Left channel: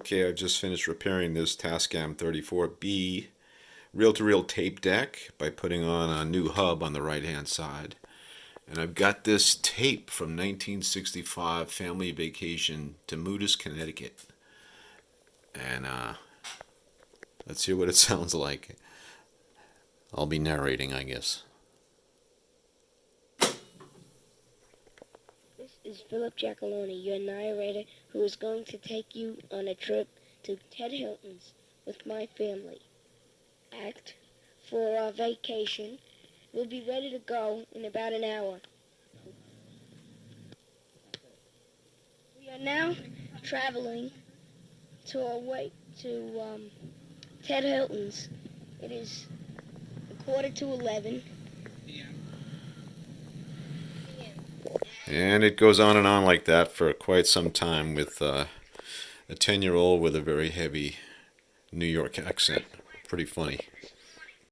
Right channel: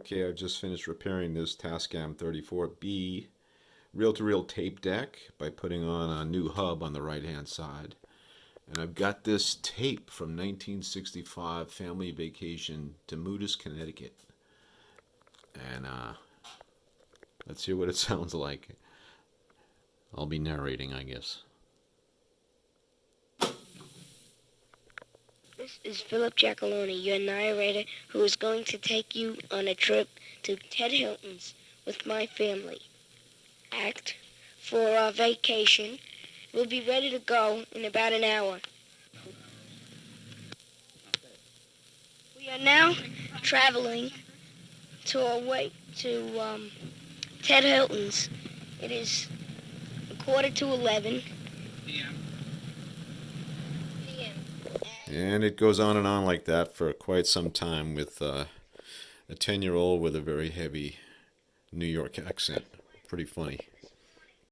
Okay, I've just finished repairing this Tascam 34B reel-to-reel tape deck by putting on a new hub on the right-hand side. And I've got this tape from 1965 family vacation to Moodus, Connecticut. And let's hear what it sounds like. I'll be narrating, I guess. This is Philip Giacalone, your narrator, who is going to take you on a trip to Ted Hilton's with my family. Act for our vacation. We'll be ready to go in about an hour. We are now traveling to our way to Ted Hilton's. It is 11:45 p.m. And it goes on and on like that for quite some time with a 10-year-old with a very heavy New York accent. Pretty funny.